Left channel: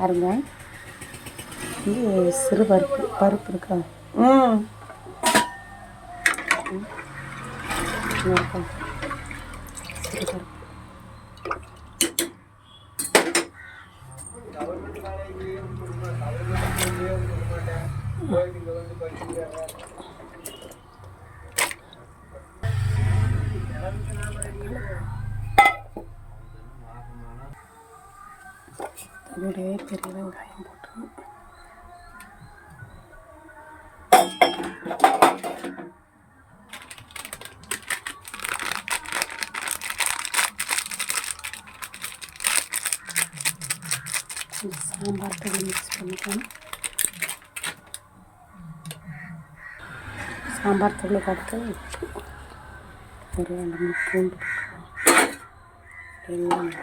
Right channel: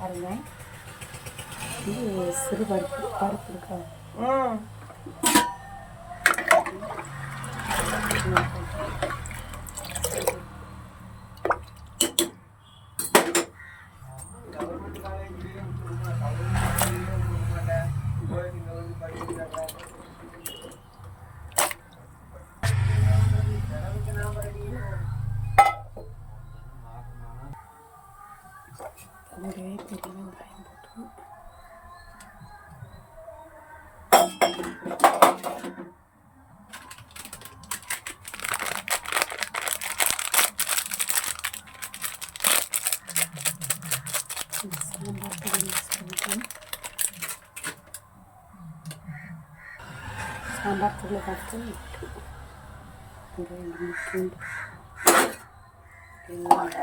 பாருங்கள். இது சிறு பருப்பு இருக்கா? அதோடைய பெரிய வெங்காயம் போட்டு சாம்பார் தூள் மிக்ஸ் பண்ணிக்கலாம். சாம்பார் தூள் கடுத்து ஒரு 2 பூண்டு எல்லாம்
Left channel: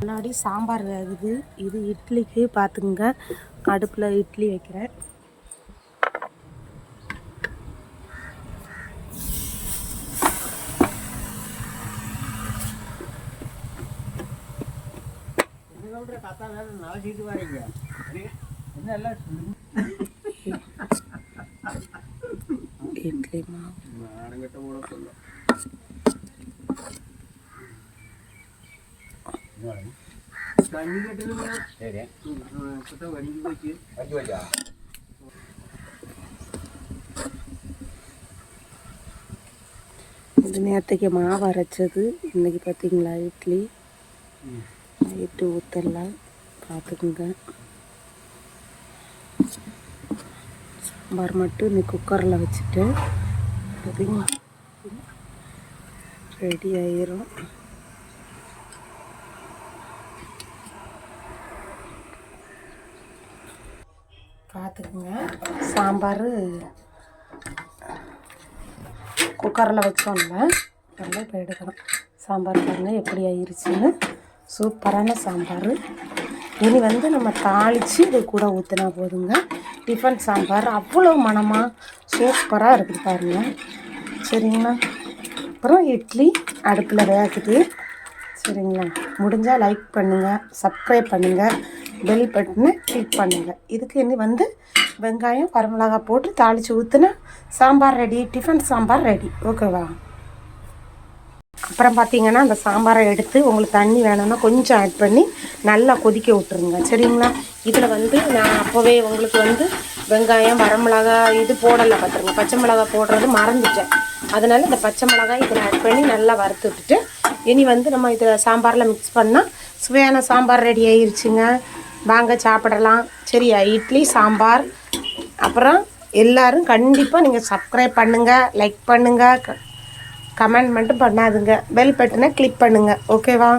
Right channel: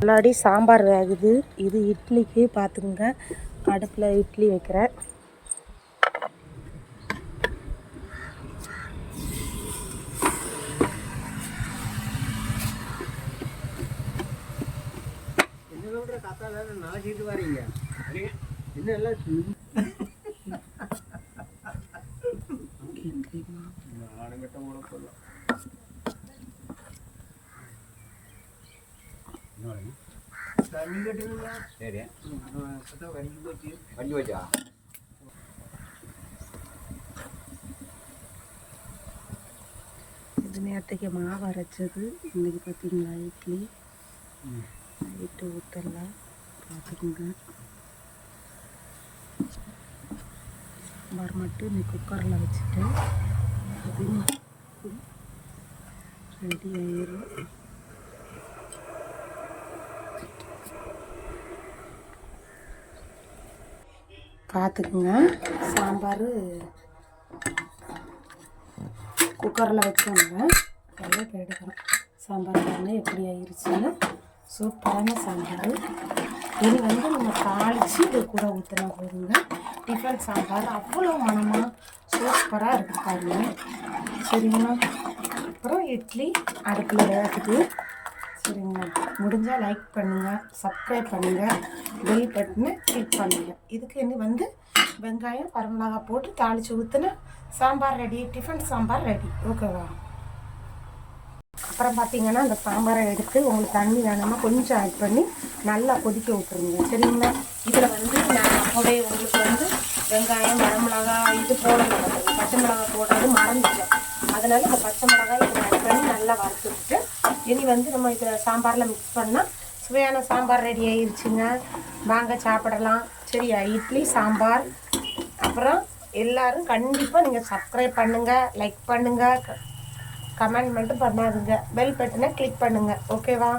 முன்னாடி சாம்பார் வேகுது. இது இட்லிக்கு பார்த்துங்க. அடுப்பில் இட்லி வைக்கிறேன். இட்லி மாவு இது நேற்றுக்கு மாவு அரைச்சது. இன்றைக்கி பார்த்தீங்களா இட்லி நைட்டு ஊற்றலாம். பார்த்துக்குங்க. சாம்பார் மட்டும் இன்னைக்கு குக்கரில் வச்சுட்டு ரெடி ஆயிரும். பார்த்துக்குங்க. சாம்பார் குக்கரில் வச்சோம்ல அதெல்லாம் இப்போ எடுக்கிறோம். சாம்பார் பாருங்கள் எப்படி ஆயிடுச்சுன்னு. சூப்பரான சாம்பார். இனி நம்ம தாளித்து இது கூட ஊற்றினா போதுங்க. டிஃபன் சாம்பார் அவ்வளோ மணமாக சூப்பராக இருக்குது பாருங்கள். சரிங்களா? அப்புறம் இட்லி அடுப்பில் வேகுது. சரிங்களா? முடிஞ்சால் லைக் பண்ணுங்கள், சப்ஸ்கிரைப் பண்ணுங்கள், பெல் பட்டனை கிளிக் பண்ணுங்கள். இதுக்கு இனி வெங்காயம் வரமிளகாய் போட்டு தாளித்து ஊற்றினா sambar ready. Tiffin sambar ready. ஓகேவா? அப்புறம் பார்த்தீங்கன்னா அந்த சாம்பாரை எடுத்து உங்களுக்கு தண்ணி வேணும்னா கொஞ்சம் ஆட் பண்ணி நல்லா கொதிக்க விட்டுருங்க. சரிங்களா? இதில் நான் அப்போவே உங்களுக்கு வெங்காயம் வரமிளகாய் இது போடலை பார்த்துருங்க. பச்சை மிளகாய் போடுறது மறந்துட்டேன். அதனால் இந்த பச்சை மிளகாய் இதில் ஆட் பண்ணி நல்லா வறுத்து விட்டுட்டு இனி நம்ம இதில் சாம்பாரில் மிக்ஸ் பண்ணால் சுவையான சாம்பார் ரெடி ஆயிடுச்சுங்க. வாங்க சாப்பிடலாம். சரியா? இட்லி சாம்பார். அப்புறம் எல்லோரும் கண்டிப்பாக நீங்கள் சப்ஸ்கிரைப் பண்ணுங்கள், லைக் பண்ணுங்கள், கமெண்ட் மட்டும் பண்ணாதுங்க. பெல் பட்டனை கிளிக் பண்ணுங்கள். ஓகேவா?